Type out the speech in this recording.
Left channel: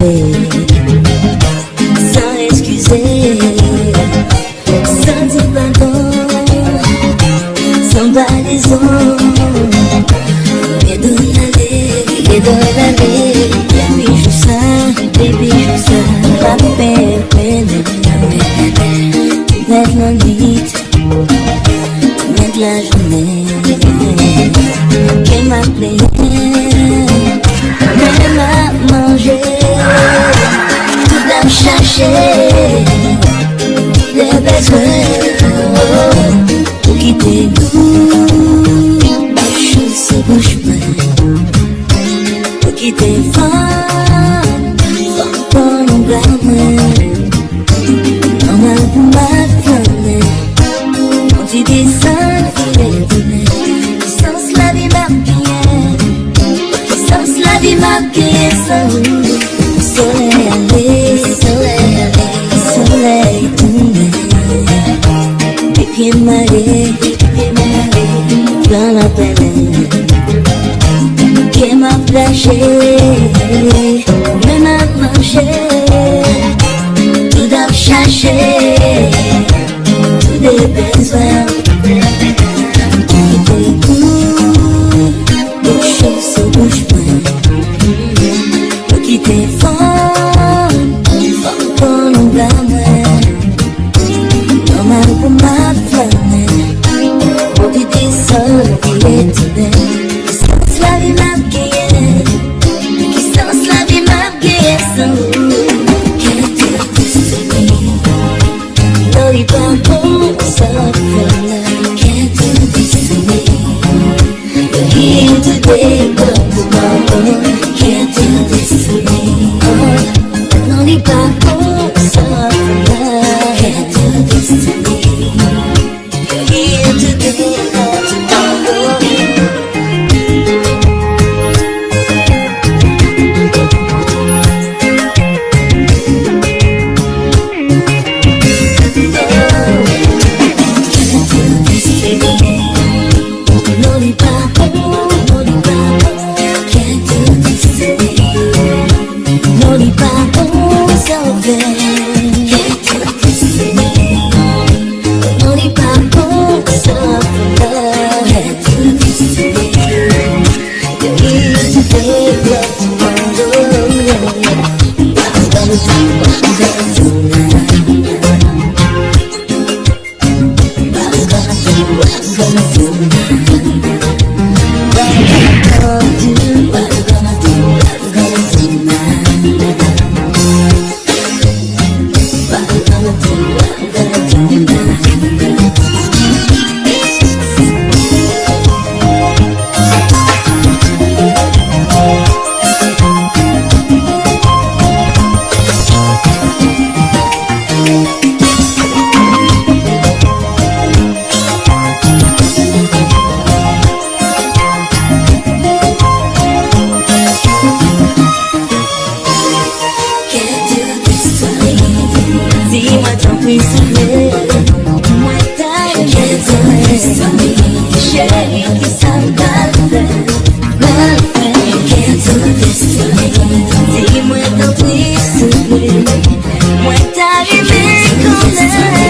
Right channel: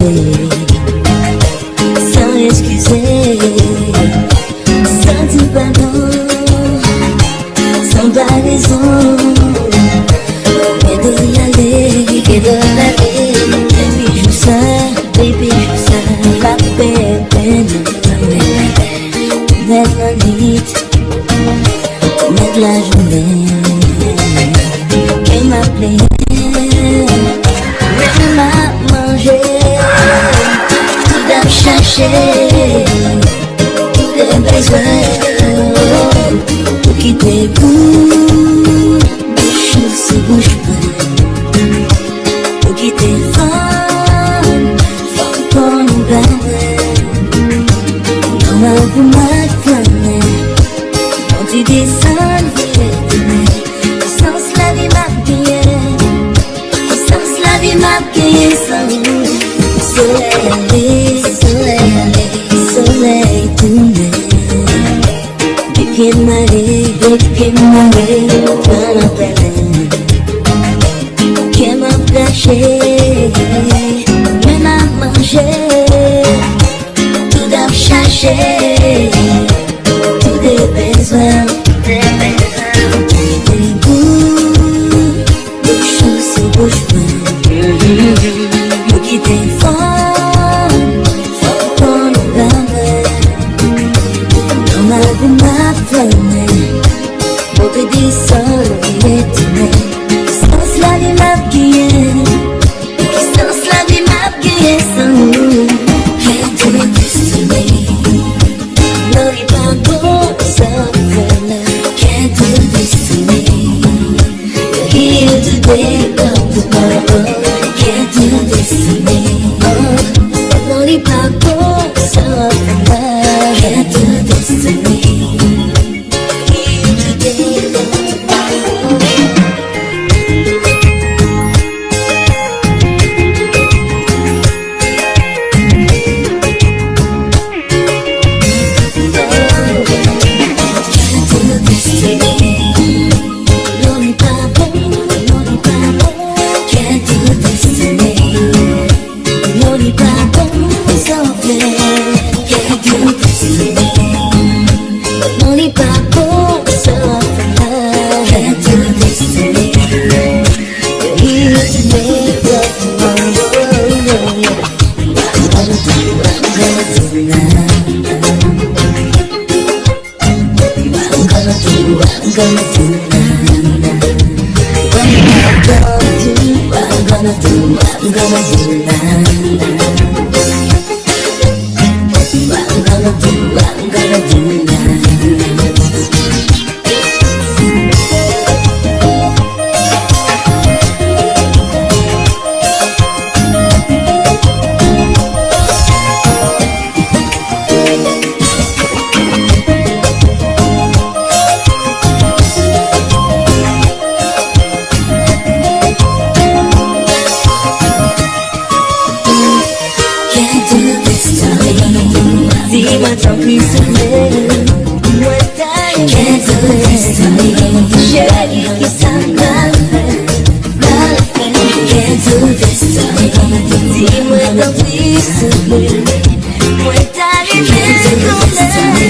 Sans excuser, sans dire pardon, sans balaison, et de y aller, et de l'aller. Baby, je suis ça, pas de bébé, toute la nuit, toute la journée, qu'elle m'appelait, même pas manger. Chercher des besoins pour quitter bouche sous bouche pour quitter femme pour nous blâmer. Non, pour ma femme, on te dit ça, sans la vie m'a bien, sans la vie m'a bien, soleil tourné, des pieds de marée, dans la peine, qui m'a flashé, même à manger, tout à chercher, tout des besoins, bouche sur bouche, pour quitter fort. Dis-moi ton fils, moi t'arrives, c'est comme ça.